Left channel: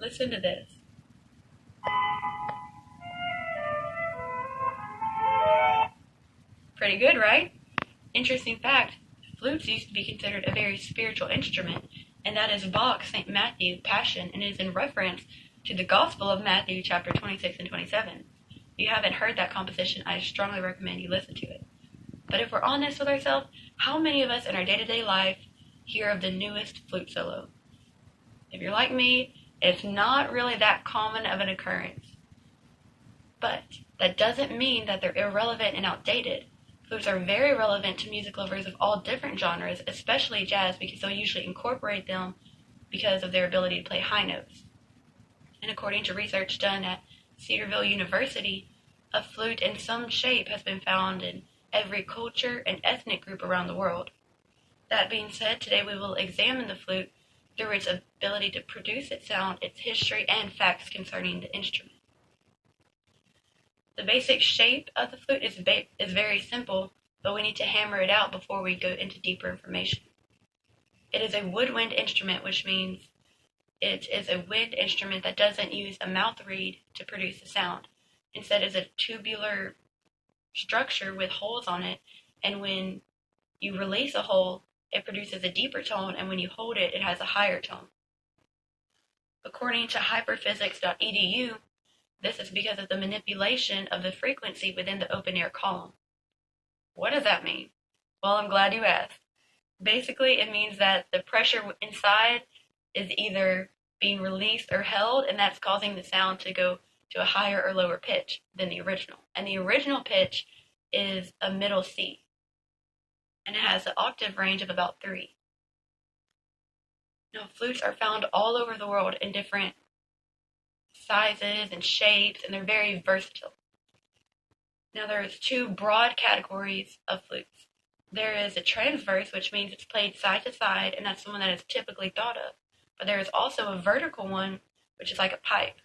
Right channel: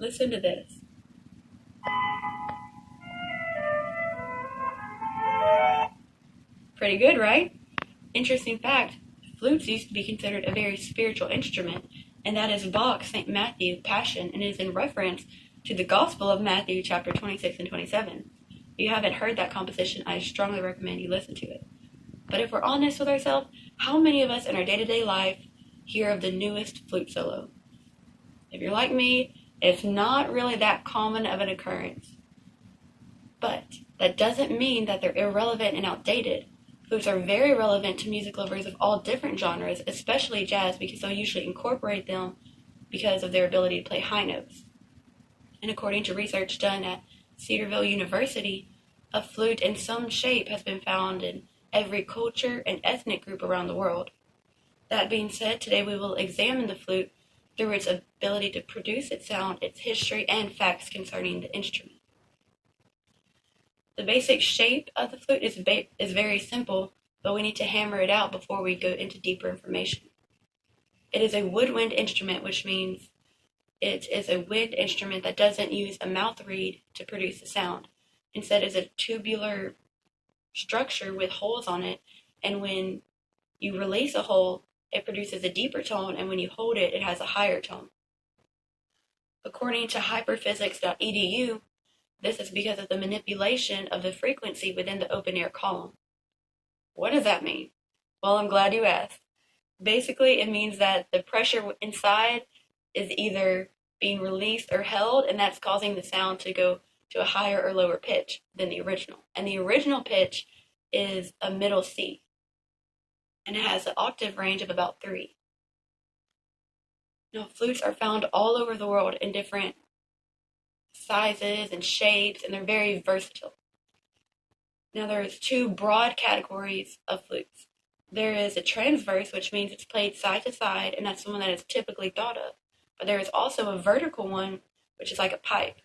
Listen to this. Pretty good, right? Interesting fact, flutes used to be considered a very spiritual instrument, and that is Bach's St. Matthew Passion, and is in reference to the Gospel of Matthew, chapter 26 and 27. If you haven't heard that composition, I strongly recommend you listen to it. But if we're honest with ourselves, how many of us in our day-to-day life hear of the newest flute solo? If you're like me, it's not really that common of an occurrence. But that doesn't mean that they're irrelevant and outdated. Flutes are very relevant to music lovers of all different genres, especially jazz, because they'll usually incorporate them because of their ability to play high notes. And according to research done at Cedarville University, a flute in some shape has been found in every culture and ethnic group around the world. That being said, today we will examine the flute through its ability to produce its sound, its history, and facts concerning the instrument. The basic shape of the flute is very simple, but we need to hammer it out before we go into deeper information. It is a woodwind instrument, which means it is a wind instrument that doesn't use a mouth reed to produce the sound. Instead, it's a tubular structure with holes on it, and when you release a hole, it produces a deeper tone, and when you hold it, it has a higher tone. According to hyperphysics.edu, this is because of the manipulation of the frequency within the open-air column. What does that mean? Well, I'm glad you asked. Basically, it means that the pressure inside is either being released or held, and that's causing the sound to go to a higher or lower pitch than the original. And the original pitch is a middle C, and it has an octave range of about 3. Now, flutes are found all over the world in different sizes and shapes, and they're very versatile. Now, there's 2 broad categories of flutes. There is a transverse, which means it's played side to side, and that's the one that is typically thought of. But there is also a vertical one, which is like a pipe.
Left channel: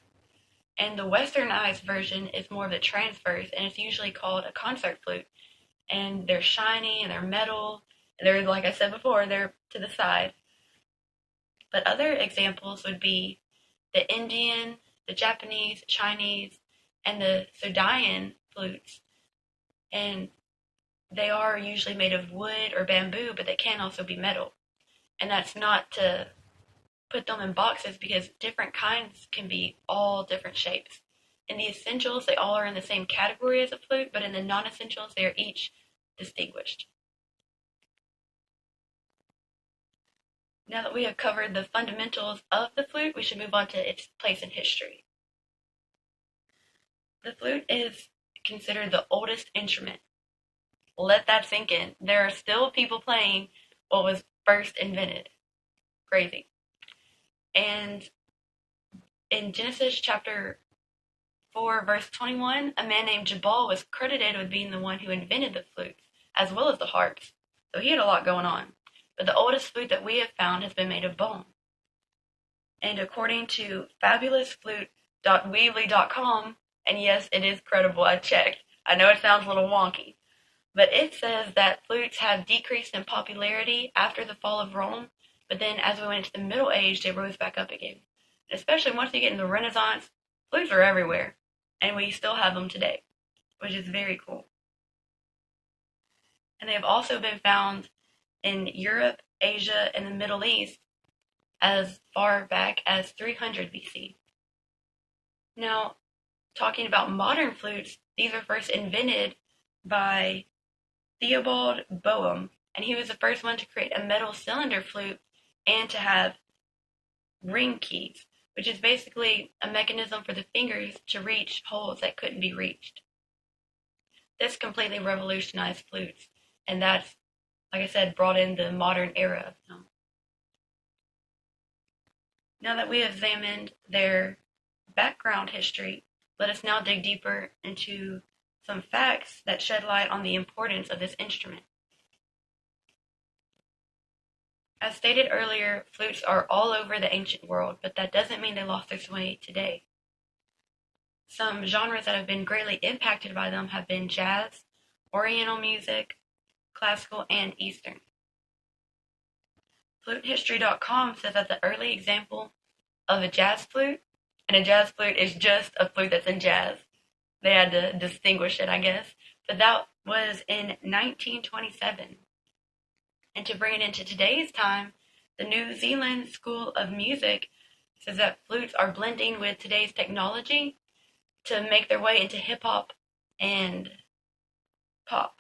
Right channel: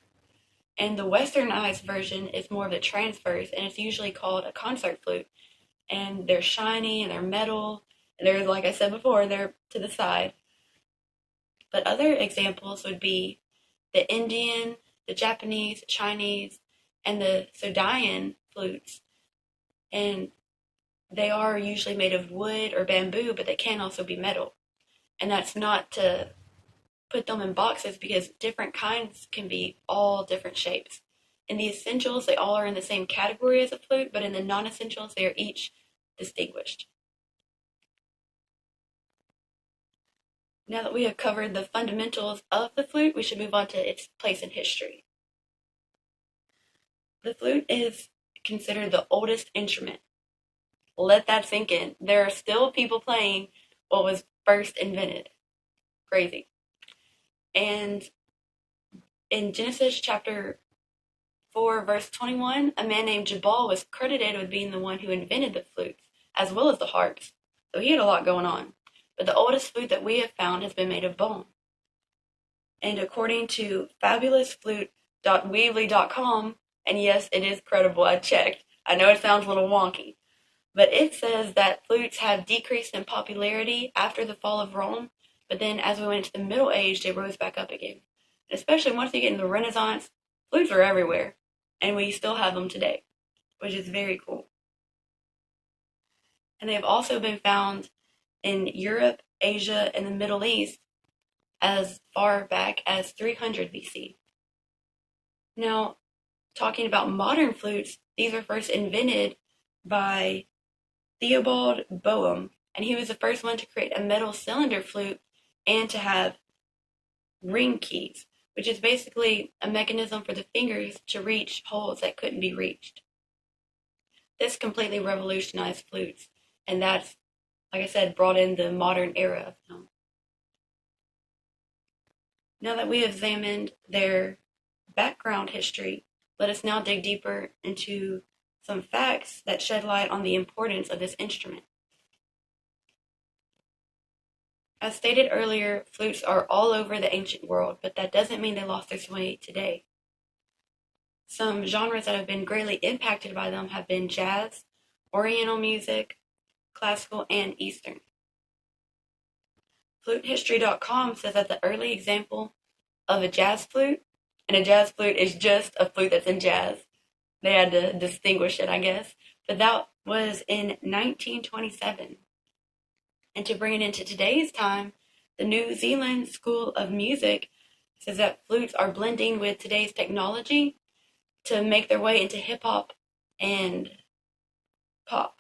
And the westernized version is more of the transverse, and it's usually called a concert flute. And they're shiny, and they're metal, and they're, like I said before, they're to the side. But other examples would be the Indian, the Japanese, Chinese, and the Sudayan flutes. And they are usually made of wood or bamboo, but they can also be metal. And that's not to put them in boxes, because different kinds can be all different shapes. In the essentials, they all are in the same category as a flute, but in the non-essentials, they are each distinguished. Now that we have covered the fundamentals of the flute, we should move on to its place in history. The flute is considered the oldest instrument. Let that sink in. There are still people playing what was first invented. Crazy. And in Genesis chapter 4, verse 21, a man named Jabal was credited with being the one who invented the flutes, as well as the harps. So he had a lot going on. But the oldest flute that we have found has been made of bone. And according to fabulousflute.weebly.com, and yes, it is credible, I checked. I know it sounds a little wonky, but it says that flutes have decreased in popularity after the fall of Rome, but then as we went into the Middle Age, they rose back up again. Especially once you get in the Renaissance, flutes are everywhere, and we still have them today, which is very cool. And they have also been found in Europe, Asia, and the Middle East as far back as 300 BC. Now, talking about modern flutes, these were first invented by Theobald Boehm, and he was the first one to create a metal cylinder flute and to have ring keys, which is basically a mechanism for the fingers to reach holes that couldn't be reached. This completely revolutionized flutes, and that's, like I said, brought in the modern era of them. Now that we have examined their background history, let us now dig deeper into some facts that shed light on the importance of this instrument. As stated earlier, flutes are all over the ancient world, but that doesn't mean they lost their sway today. Some genres that have been greatly impacted by them have been jazz, oriental music, classical, and Eastern. FluteHistory.com says that the early example of a jazz flute, and a jazz flute is just a flute that's in jazz. They had to distinguish it, I guess. But that was in 1927. And to bring it into today's time, the New Zealand School of Music says that flutes are blending with today's technology to make their way into hip hop and pop.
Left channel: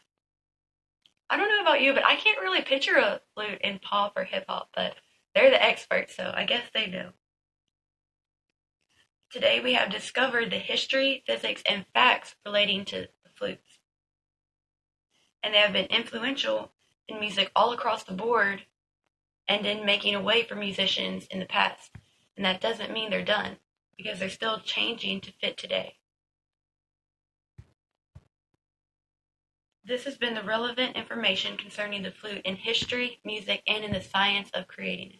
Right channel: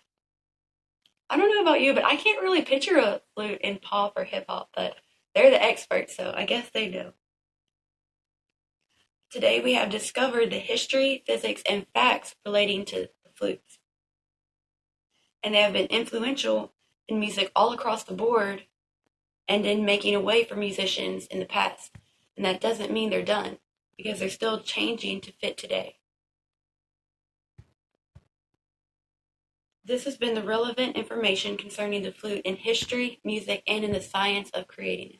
I don't know about you, but I can't really picture a flute in pop or hip hop, but they're the experts, so I guess they know. Today we have discovered the history, physics, and facts relating to the flutes. And they have been influential in music all across the board and in making a way for musicians in the past. And that doesn't mean they're done, because they're still changing to fit today. This has been the relevant information concerning the flute in history, music, and in the science of creating it.